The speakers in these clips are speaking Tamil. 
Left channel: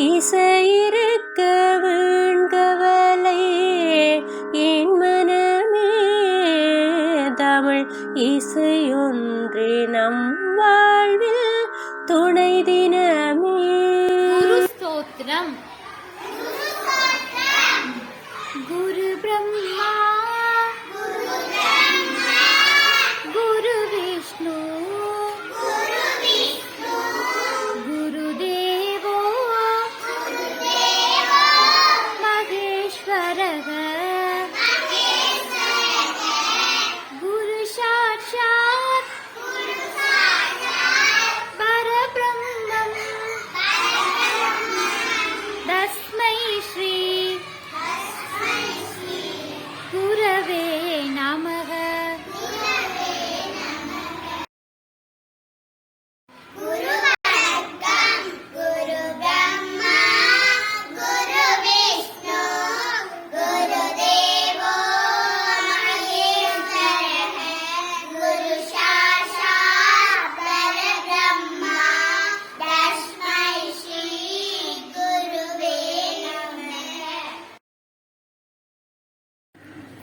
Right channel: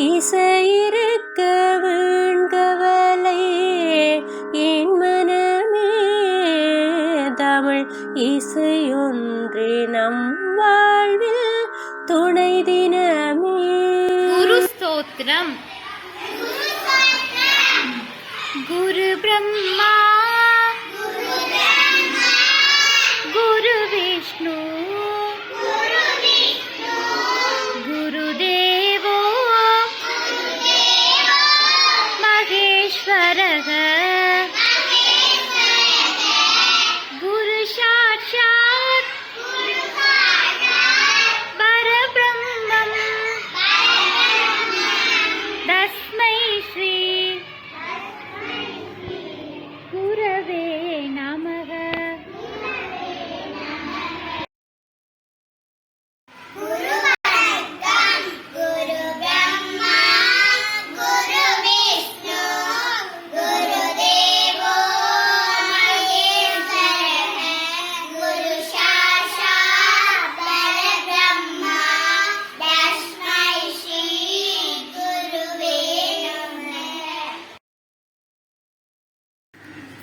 இசையிருக்க வீண்கவலை என் மனமே, தமிழ் இசையொன்றே நம் வாழ்வில் துணை தினமே. குரு ஸ்தோத்திரம். குரு பிரம்மா குரு விஷ்ணு குரு தேவோ மகேஸ்வரக குரு சாட்சாத் பரபிரம்மம் தஸ்மை ஸ்ரீ குரவே நமக.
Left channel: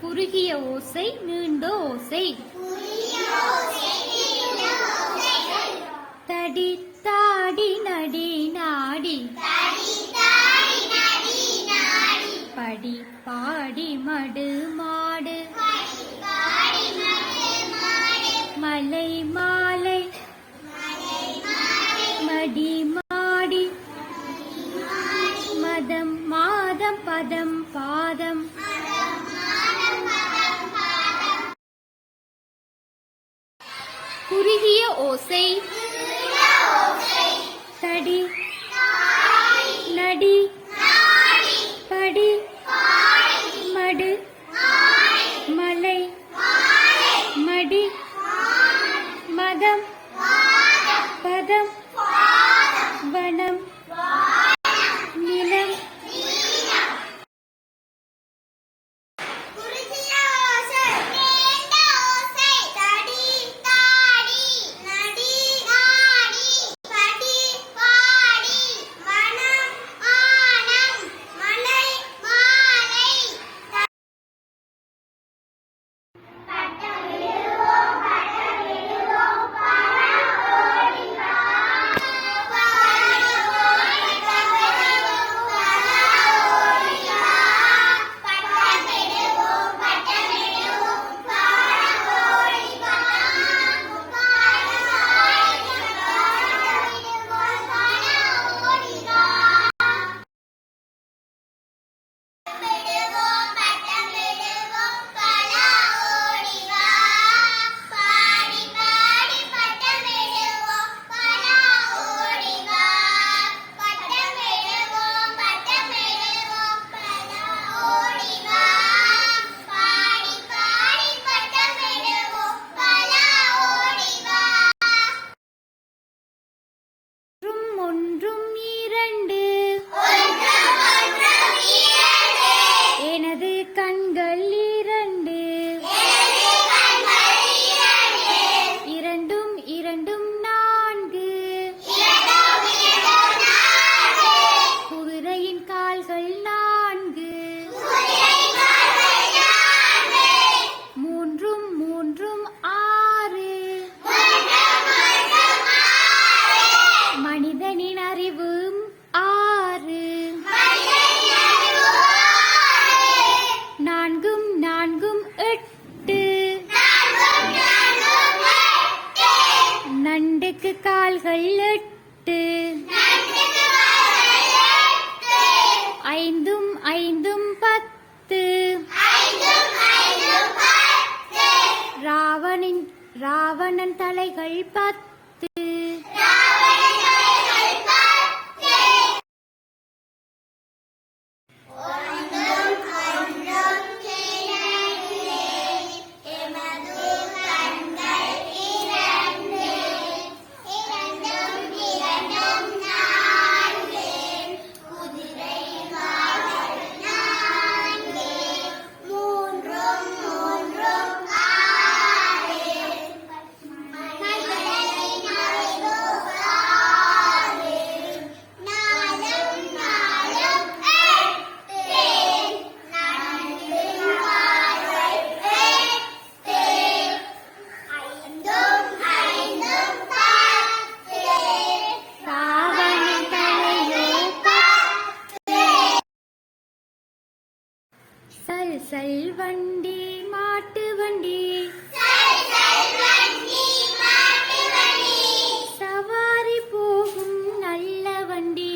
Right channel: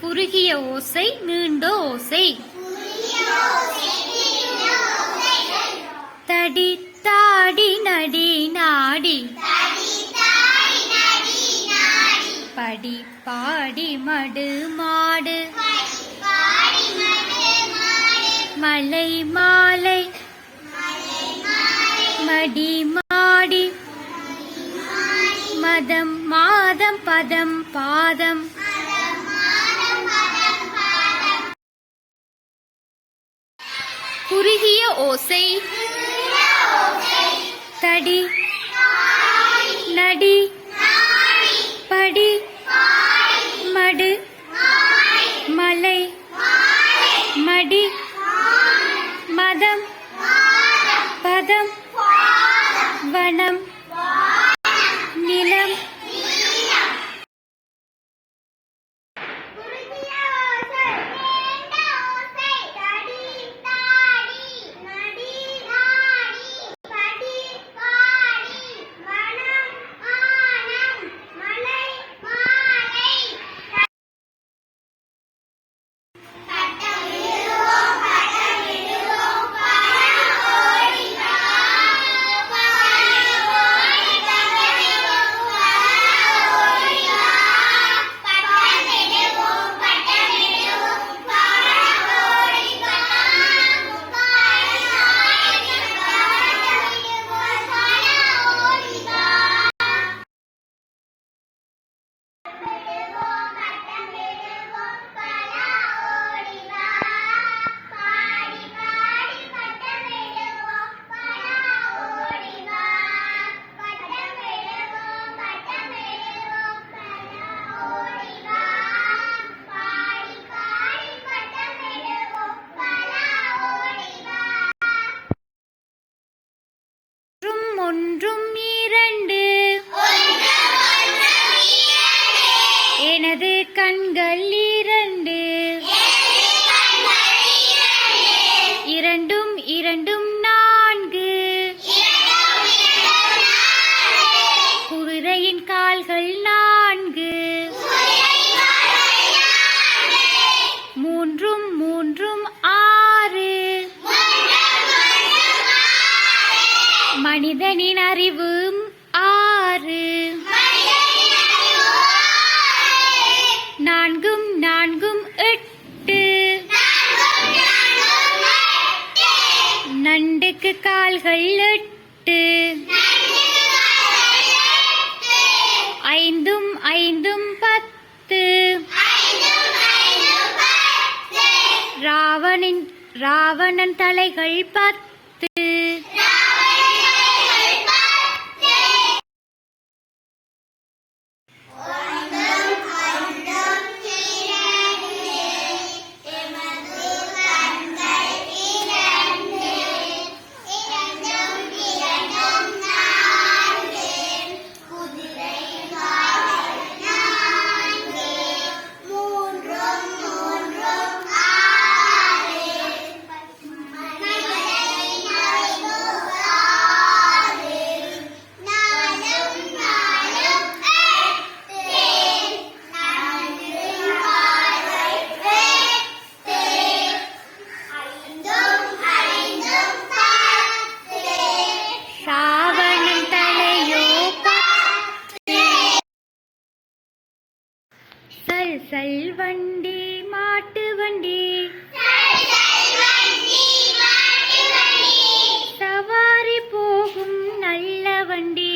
குறுகிய ஓசை நீண்ட ஓசை. தடி தாடி நடி நாடி படி பாடி மடு மாடு மலை மாலை மடி மாடி மதம் மாதம் பதம் பாதம். குறுகிய ஓசை. தடி நடி படி மடு மலை மடி மதம் பதம் வனம் நிலம். ஒன்றும் இரண்டு எனது கண்கள் இரண்டு இரண்டும் இரண்டும் நான்கு குதிரையின் கால்கள் நான்கு மூன்றும் மூன்றும் ஆறு மனிதனின் அறிவு ஆறு நான்கும் நான்கும் எட்டு நண்டுக்கு கால்கள் எட்டு ஐந்தும் ஐந்தும் பத்து ராவணன் தலைகள் பத்து. சல் வண்டி மாட்டு வண்டி சவாரி போகும் நல்ல வண்டி